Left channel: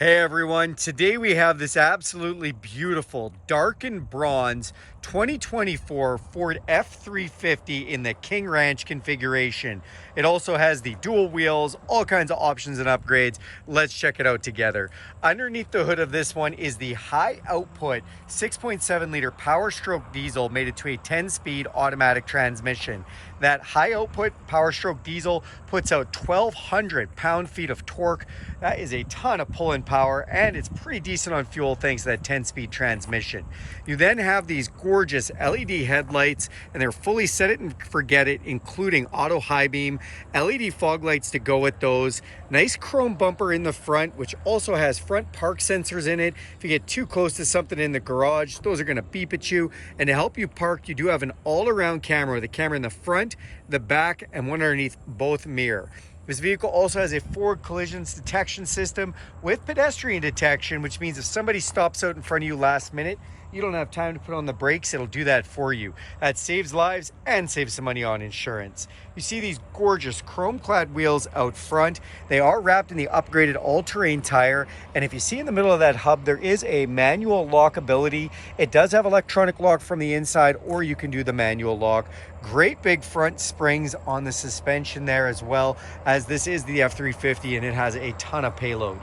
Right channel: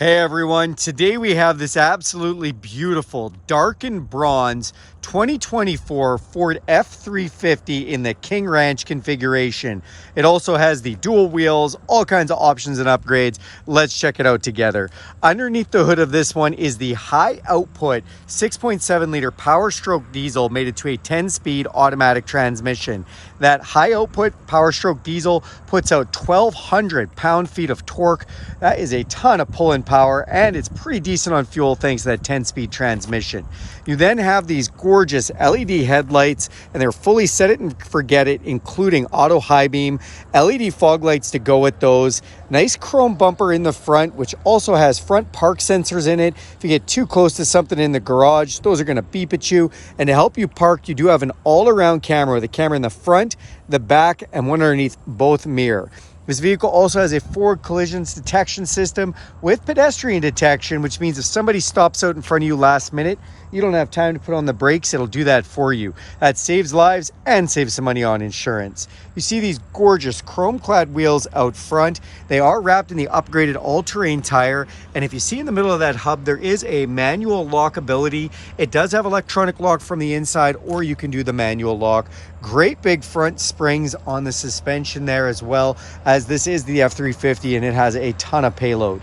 Hey everyone, today we have this absolutely beautiful Darkened Bronze 2024 Ford F-350 in the King Ranch configuration. It also has the dual wheels, all kinds of options and upgrades. Let's check it out together. Underneath the hood of this one is the high output 6.7 liter PowerStroke diesel mated to a 10-speed automatic transmission. That high output PowerStroke diesel puts out 1,200 pound-feet of torque. That is a ton of pulling power, and it's pretty decent on fuel thanks to that 10-speed transmission. You then have these gorgeous LED headlights, and they're fully set it and forget it, including auto high beam, LED fog lights to go with those. Nice chrome bumper in the front, which also has front park sensors in it. If you get too close to something in the garage, those are going to beep at you. And to help you park, you do have an all-around camera with a camera in the front, the back, and one underneath both mirror. This vehicle also has a forward collisions detection system with pedestrian detection, which means if somebody stops out in front of you last minute, you don't have time to put on the brakes, it'll do that for you. That saves lives and saves some money on insurance. You see these gorgeous chrome-clad wheels out front. They are wrapped in the upgraded all-terrain tire, and if you see in the middle of that hub, there is a manual lock ability. It does have electronic lock from the inside, or you can do the manual lock. Great big front springs on the suspension there, as well as this is the F-350 and it has a ton of payload.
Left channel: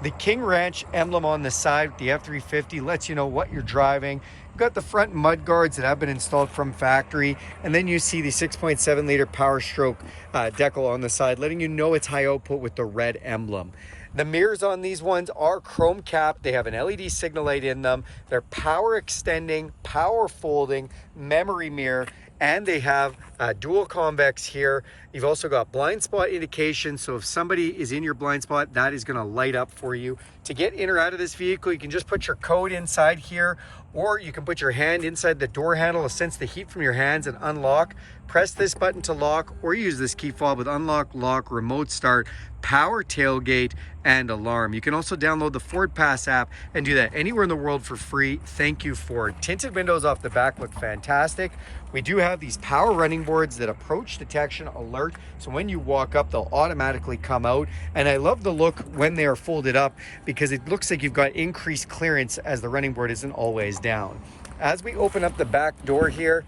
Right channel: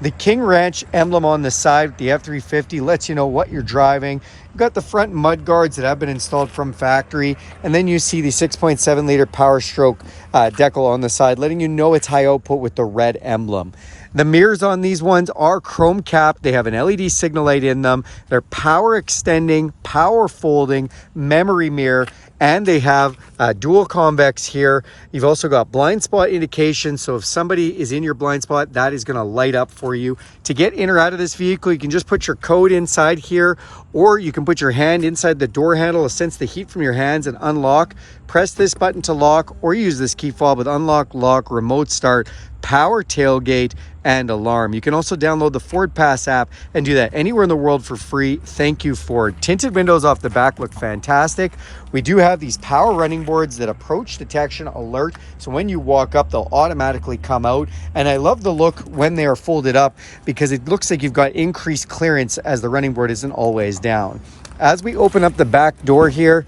The King Ranch emblem on the side with the F-350 lets you know what you're driving. You've got the front mud guards that have been installed from factory, and then you see the 6.7 liter PowerStroke decal on the side, letting you know it's high output with the red emblem. The mirrors on these ones are chrome capped. They have an LED signal light in them. They're power extending, power folding, memory mirror, and they have dual convex here. You've also got blind spot indication, so if somebody is in your blind spot, that is going to light up for you. To get in or out of this vehicle, you can just put your code inside here, or you can put your hand inside the door handle to sense the heat from your hands and unlock. Press this button to lock, or use this key fob with unlock, lock, remote start, power tailgate, and alarm. You can also download the Ford Pass app and do that anywhere in the world for free. Thank you, Ford. Tinted windows off the back look fantastic. We do have these power running boards that approach detection alert, so when you walk up, they'll automatically come out. And I love the look when they are folded up because it looks like you've got increased clearance as the running board isn't always down. As we open up the back door here,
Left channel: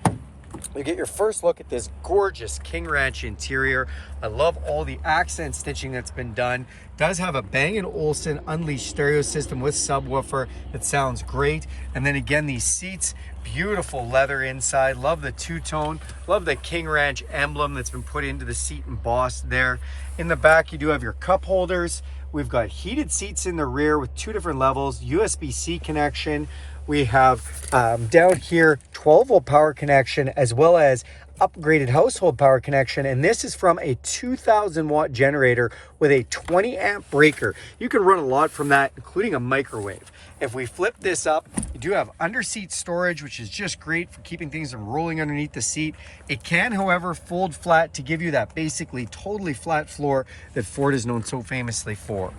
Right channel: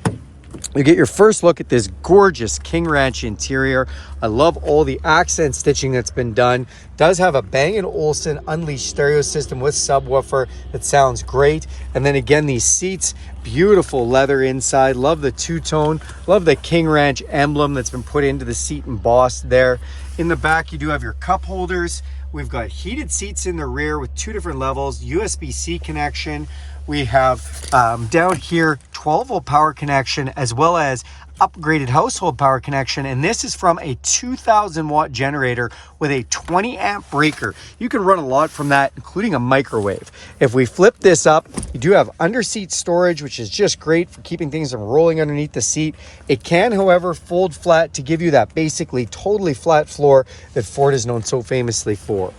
you get your first look at this gorgeous King Ranch interior. I love all the accent stitching that's been done. It does have a Bang & Olufsen Unleashed stereo system with subwoofer that sounds great. And then again, these seats, beautiful leather inside. Love the two-tone. Love the King Ranch emblem that's been put into the seat embossed there. In the back, you do have your cup holders. We've got heated seats in the rear with 2 different levels, USB-C connection. We have down here 12-volt power connection, as well as upgraded household power connection, and this is from a 2,000-watt generator with a 20-amp breaker. You can run a lot from that, including a microwave. If we flip this up, you do have under-seat storage, which is just great for keeping things from rolling underneath the seat. It can, however, fold flat to give you that basically totally flat floor that Ford is known so famously for.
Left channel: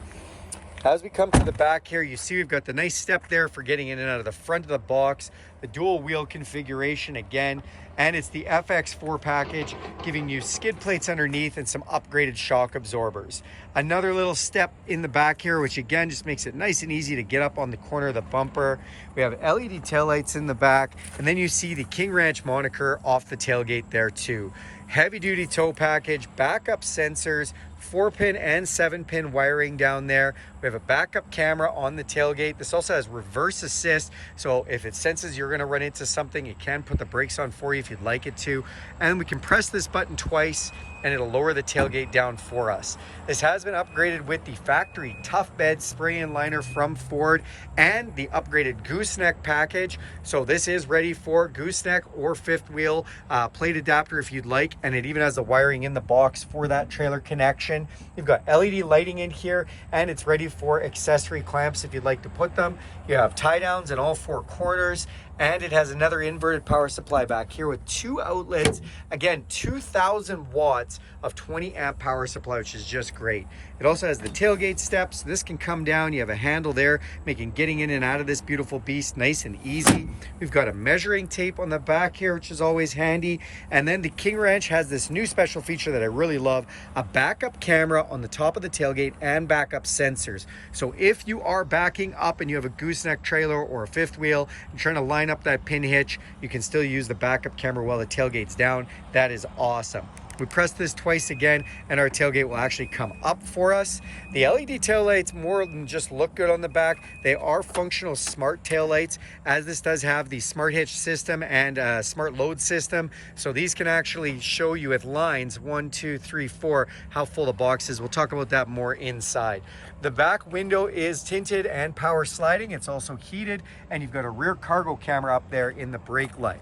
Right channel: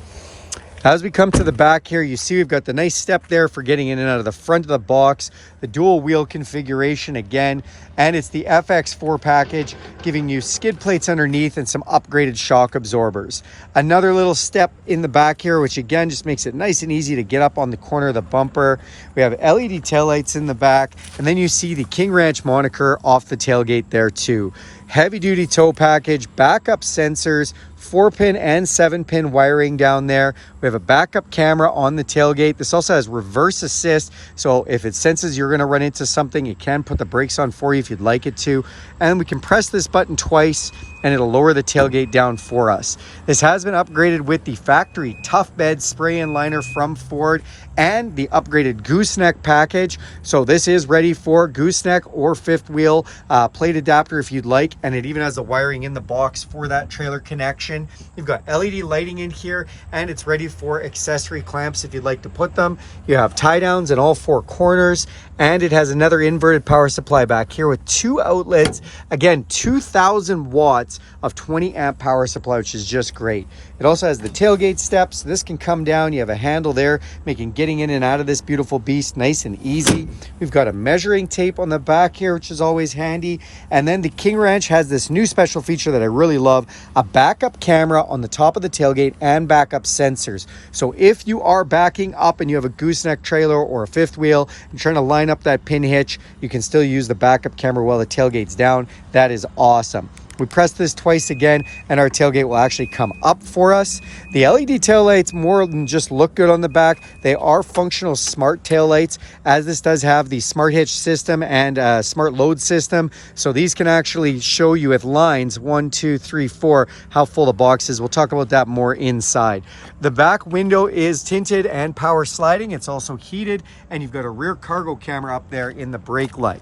As we come to the back here, you see we've got the nice step there for getting in and out of the front of the box, the dual wheel configuration again, and it's the FX4 package, giving you skid plates underneath and some upgraded shock absorbers. Another little step in the back here, which again just makes it nice and easy to get up on the corner of the bumper. We have LED taillights in the back, and then you see the King Ranch moniker off the tailgate there too. Heavy duty tow package, backup sensors, 4-pin and 7-pin wiring down there. We have a backup camera on the tailgate. This also has reverse assist, so if it senses you're going to run into something, it can put the brakes on for you if you'd like it to. And we can press this button twice and it'll lower the tailgate down for us. This has been upgraded with the factory tough bed spray-in liner from Ford and the upgraded Gooseneck package. So this is ready for gooseneck or fifth wheel plate adapter if you'd like, and it even has the wiring in the box for that trailer connection. You've got LED lighting in here, and it's ready for accessory clamps if you'd like to put them. You have tie downs in all 4 corners, and it has another inverted power supply back here with 2 outlets. Again, 2,000 watts watts of 20 amp power supply, which is just great. It also has the tailgate steps. This can come down. You have a handle there, making getting in and out of this beautiful beast nice and easy. We've got a measuring tape on the back here, which is always handy. And then the King Ranch has this new special feature that I really love, a backup camera on the top of the tailgate and backup sensors. So if you are backing up and you have a gooseneck trailer or a fifth wheel and trying to line up that pin hitch, you can still use the backup camera while the tailgate's down. That is awesome. We press this twice again and our tailgate will actually come up for us. The LED taillights more than just look good on the back. They are functional smart taillights, as this does have the smart hitch system and smart load system. So these can actually show you with lines 1, 2, 3, 4 how full the box is. We'll talk about that more inside. The back window is tinted and power sliding. It's also heated, and you've got a rear cargo camera up there in the brake light.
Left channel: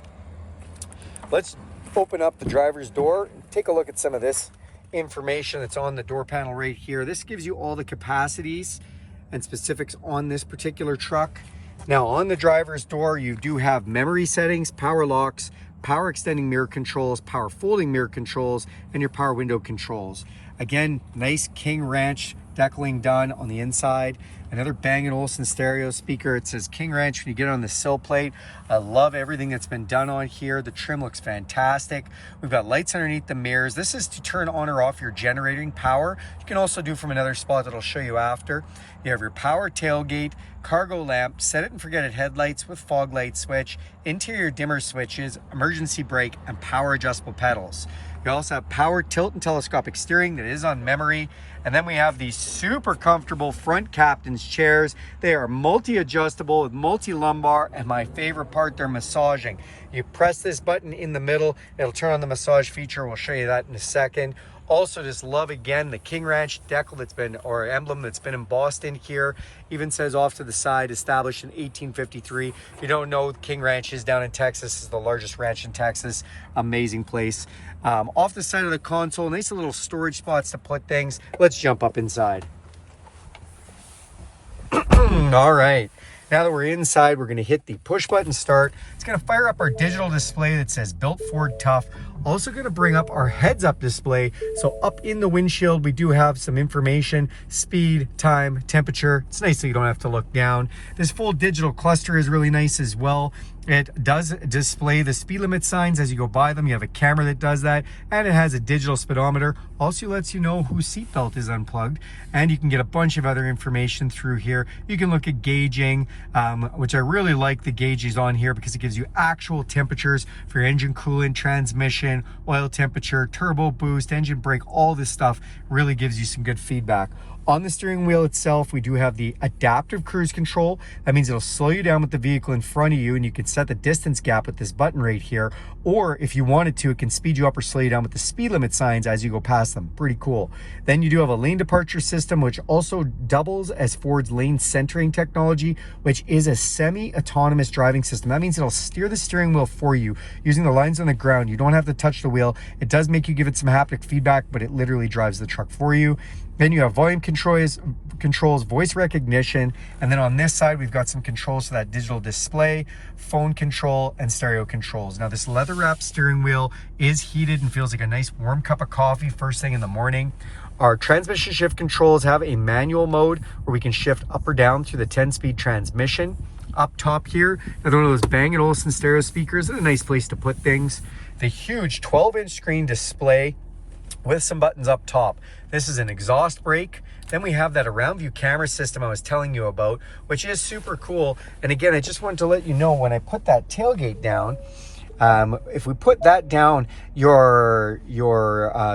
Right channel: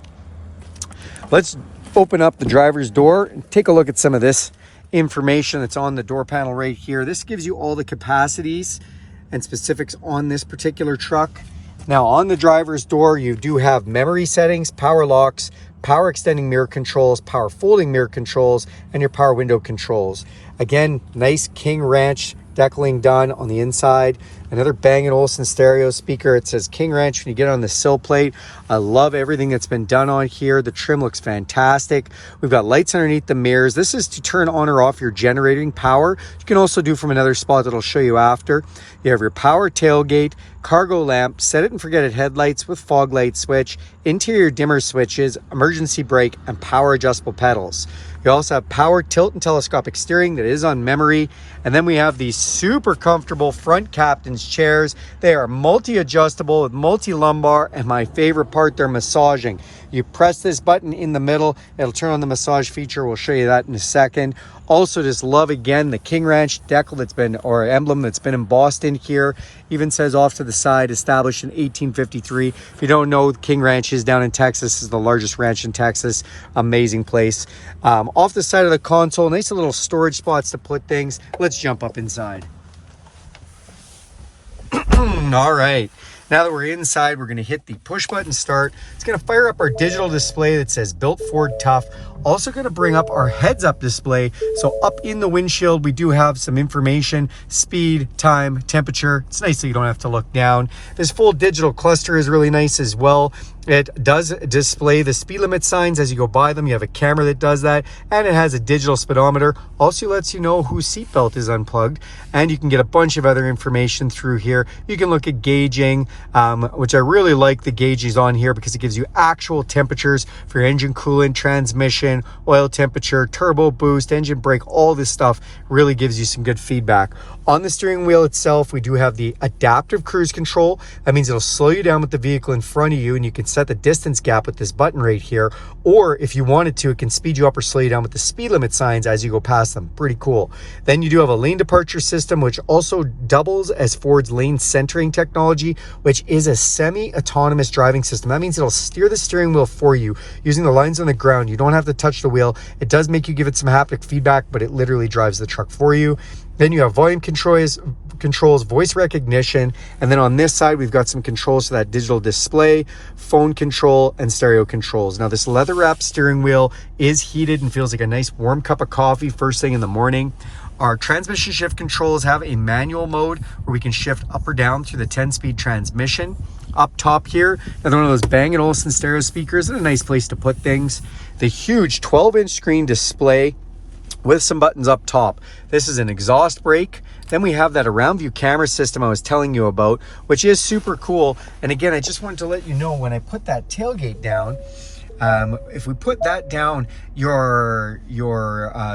Let's open up the driver's door and take a look at some of this information that's on the door panel right here. This gives you all the capacities and specifics on this particular truck. Now on the driver's door, you do have memory settings, power locks, power extending mirror controls, power folding mirror controls, and your power window controls. Again, nice King Ranch decaling done on the inside. Another Bang & Olufsen stereo speaker. It says King Ranch when you get on the sill plate. I love everything that's been done on here. The trim looks fantastic. We've got lights underneath the mirrors. This is to turn on or off your generating power. You can also do from another spot that I'll show you after. You have your power tailgate, cargo lamp, set it and forget it headlights with fog light switch, interior dimmer switches, emergency brake, and power adjustable pedals. You also have power tilt and telescopic steering that is on memory. And then we have these super comfortable front captain's chairs. They are multi-adjustable with multi-lumbar, and my favorite part, they're massaging. You press this button in the middle, it'll turn on the massage feature. We'll show you that in a second. Also just love again the King Ranch decal that's been, or emblem that's been embossed in here. Even says off to the side, established in 1853. If you don't know, King Ranch is down in Texas. This is the largest ranch in Texas. Amazing place. Off the side of the console, nice little storage spots to put things. Let's jump up inside. All right. Now that we're inside, we're going to hit the push button start. It's going to fire up our digital display that says Built Ford Tough. Also going to bring up our heads-up display. So up in the windshield, we do have some information, speed, time, temperature. It's nice that you don't have to look down. This full digital cluster is really nice as well. It does display the speed limit signs as you go by them. You have a camera that does that, and it has a digital speedometer. Also lets you know whose seatbelt is unplugged, and you can get a bunch of other information through here. You can look at gauging, which I really like the gauges on here because it gives you actual temperatures for your engine coolant, transmission, oil temperature, turbo boost, engine brake. All this stuff really gives you some good feedback. On the steering wheel itself, we do have the adaptive cruise control. That means it'll slow you down with the vehicle in front of you, and you can set the distance gap with this button right here. Or if you wanted to, it can speed you up or slow you down with the speed limit signs as you go past them. Pretty cool. Then you do have a lane departure system, which also doubles as Ford's lane centering technology, which is a semi-autonomous driving system. That means it'll steer the steering wheel for you using the lines on the ground. You don't have to touch the wheel. It does make you give it some haptic feedback, but it literally drives the truck for you. Then you have volume controls, voice recognition, and then on this side we've got some controls for that digital display, phone control, and stereo controls. Now this leather wrapped steering wheel is heated and feels like a nice warm cup of coffee first thing in the morning. Our transmission shift controls have a manual mode where we can shift up or down through the 10-speed transmission. Up top here, another one of those Bang & Olufsen stereo speakers, and a nice place to put things. The huge 12-inch screen display with some buttons up top. This is an exhaust brake. Then we have that around view camera system I was telling you about, which is super cool. And again, I just wanted to let you know when I put that tailgate down, if we put that down, your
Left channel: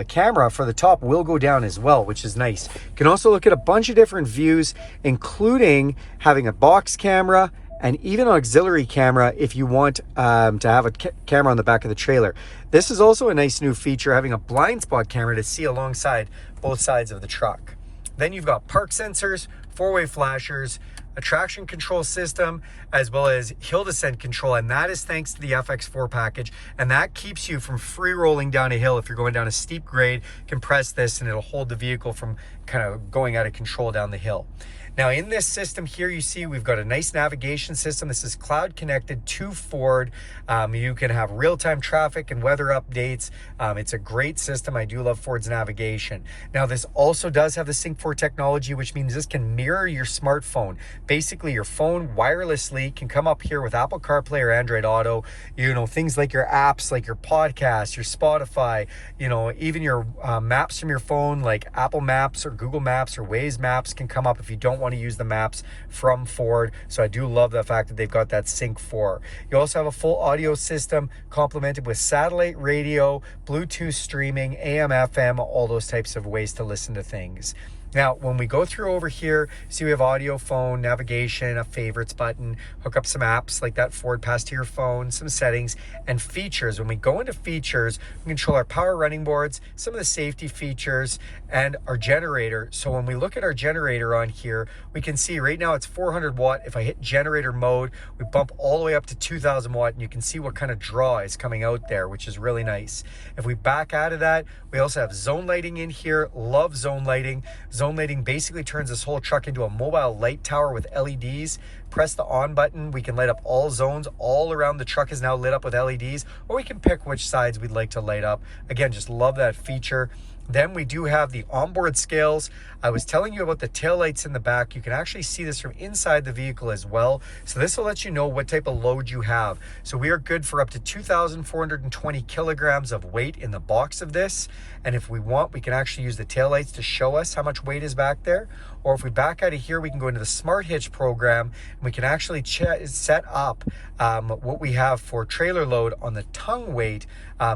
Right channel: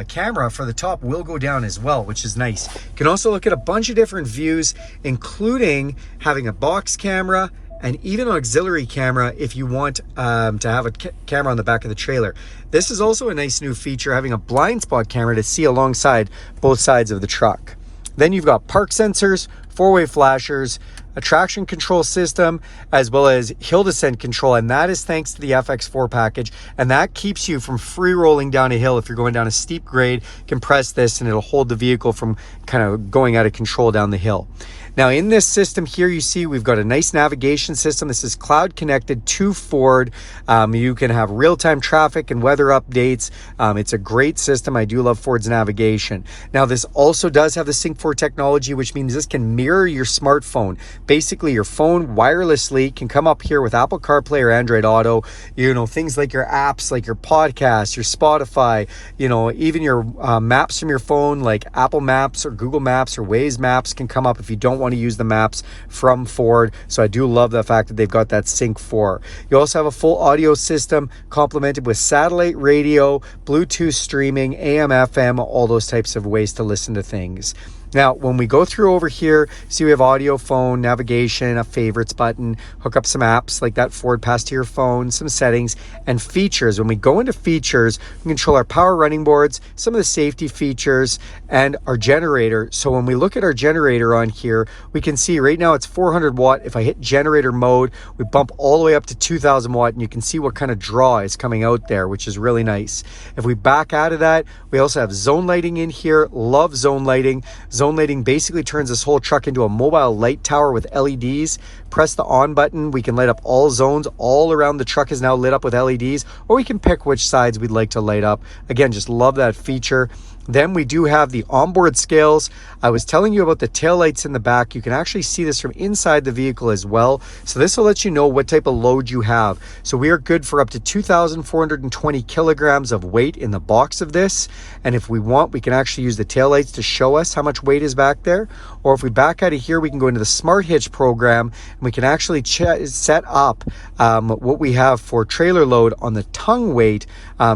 camera for the top will go down as well, which is nice. You can also look at a bunch of different views, including having a box camera and even an auxiliary camera if you want to have a camera on the back of the trailer. This is also a nice new feature, having a blind spot camera to see alongside both sides of the truck. Then you've got park sensors, four-way flashers, a traction control system, as well as hill descent control, and that is thanks to the FX4 package, and that keeps you from free rolling down a hill. If you're going down a steep grade, you can press this and it'll hold the vehicle from kind of going out of control down the hill. Now in this system here, you see we've got a nice navigation system. This is cloud connected to Ford. You can have real-time traffic and weather updates. It's a great system. I do love Ford's navigation. Now this also does have the Sync 4 technology, which means this can mirror your smartphone. Basically your phone wirelessly can come up here with Apple CarPlay or Android Auto. You know, things like your apps, like your podcasts, your Spotify, you know, even your maps from your phone, like Apple Maps or Google Maps or Waze Maps can come up if you don't want to use the maps from Ford. So I do love the fact that they've got that Sync 4. You also have a full audio system complemented with satellite radio, Bluetooth streaming, AM, FM, all those types of ways to listen to things. Now, when we go through over here, see we have audio, phone, navigation, a favorites button, hook up some apps like that Ford Pass to your phone, some settings, and features. When we go into features, we can control our power running boards, some of the safety features, and our generator. So when we look at our generator on here, we can see right now it's 400 watt. If I hit generator mode, we bump all the way up to 2000 watt, and you can see what kind of draw is coming out there, which is really nice. If we back out of that, we also have zone lighting in here. Love zone lighting. Zone lighting basically turns this whole truck into a mobile light tower with LEDs. Press the on button, we can light up all zones. All around the truck is now lit up with LEDs, or we can pick which sides we'd like to light up. Again, just love that feature. Then we do have the onboard scales. I was telling you about the taillights in the back. You can actually see this from inside the vehicle as well. So this will let you know what type of load you have. So we are good for up to 2,420 kilograms of weight in the box of this. And if we want, we can actually use the taillights to show us how much weight is back there. Or if we back out of here, we can go into the Smart Hitch program, and we can actually set up what we have for trailer load on the tongue weight,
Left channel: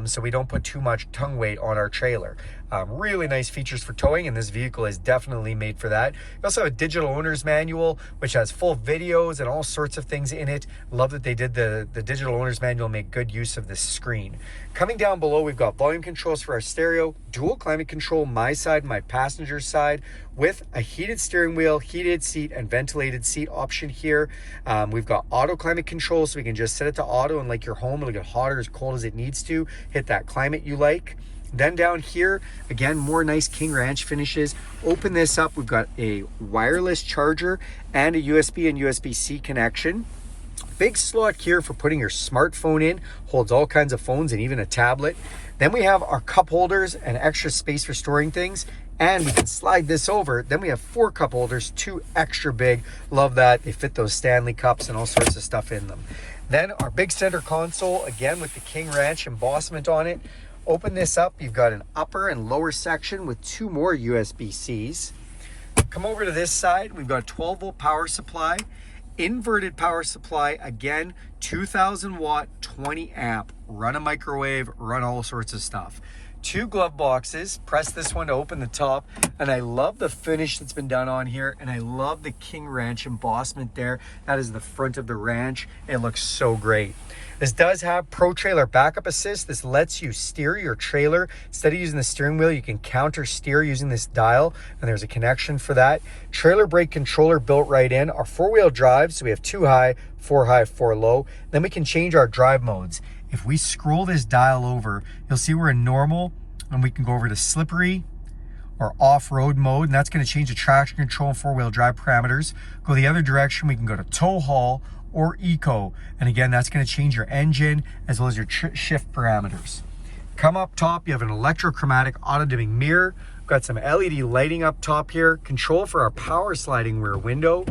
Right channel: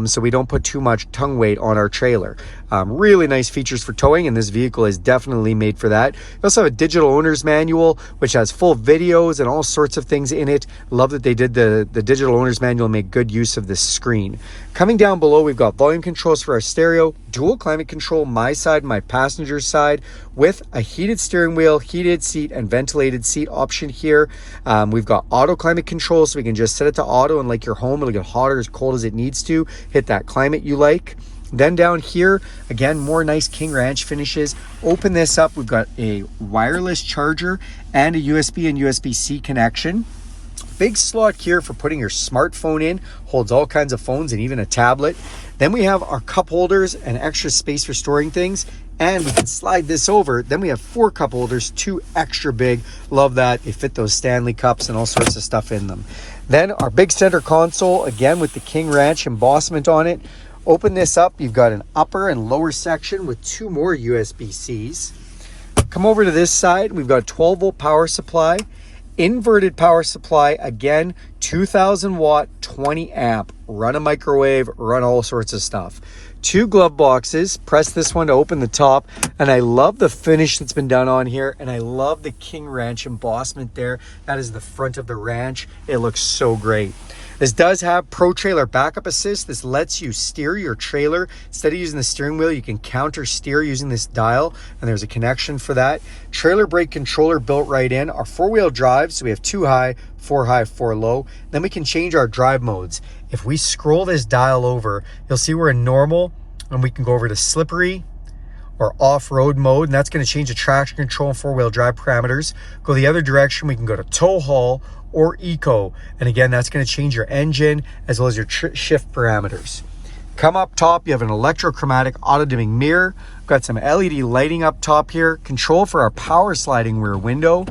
so we don't put too much tongue weight on our trailer. Really nice features for towing, and this vehicle is definitely made for that. You also have a digital owner's manual, which has full videos and all sorts of things in it. Love that they did the digital owner's manual and make good use of this screen. Coming down below, we've got volume controls for our stereo, dual climate control, my side, my passenger side, with a heated steering wheel, heated seat, and ventilated seat option here. We've got auto climate control, so we can just set it to auto, and like your home, it'll get hot or as cold as it needs to. Hit that climate you like. Then down here, again, more nice King Ranch finishes. Open this up, we've got a wireless charger and a USB and USB-C connection. Big slot here for putting your smartphone in, holds all kinds of phones and even a tablet. Then we have our cup holders and extra space for storing things. And we can slide this over. Then we have 4 cup holders, 2 extra big. Love that. They fit those Stanley cups and all sorts of stuff in them. Then our big center console, again with the King Ranch embossment on it. Open this up, you've got an upper and lower section with 2 more USB-Cs. Come over to this side, we've got a 12 volt power supply, inverted power supply, again, 2000 watt, 20 amp, run a microwave, run all sorts of stuff. 2 glove boxes, press this one to open the top, and I love the finish that's been done on here, and I love the King Ranch embossment there. That is the front of the ranch. It looks so great. This does have Pro Trailer Backup Assist. This lets you steer your trailer. Instead of using the steering wheel, you can counter steer using this dial, and there's a connection for that. Trailer brake controller built right in. Our 4-wheel drive, so we have 2 high, 4 low. Then we can change our drive modes. If we scroll this dial over, you'll see we're in normal, and we can go over to slippery or off-road mode, and that's going to change the traction control and 4-wheel drive parameters. Go the other direction, we can go to tow haul or eco, and again, that's going to change your engine as well as your shift parameters. Come up top, you have an electrochromatic auto-dimming mirror. We've got some LED lighting up top here, control for our power sliding rear window.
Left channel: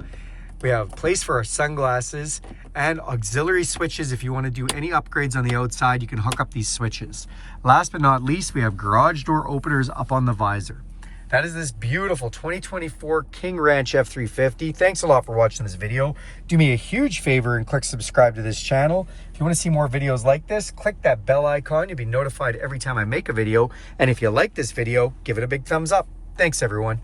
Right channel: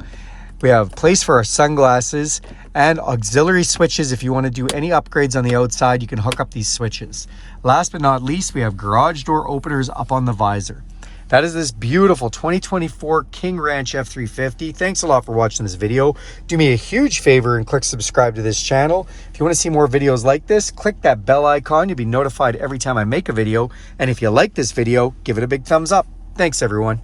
We have place for our sunglasses and auxiliary switches. If you want to do any upgrades on the outside, you can hook up these switches. Last but not least, we have garage door openers up on the visor. That is this beautiful 2024 King Ranch F-350. Thanks a lot for watching this video. Do me a huge favor and click subscribe to this channel. If you want to see more videos like this, click that bell icon. You'll be notified every time I make a video. And if you like this video, give it a big thumbs up. Thanks, everyone.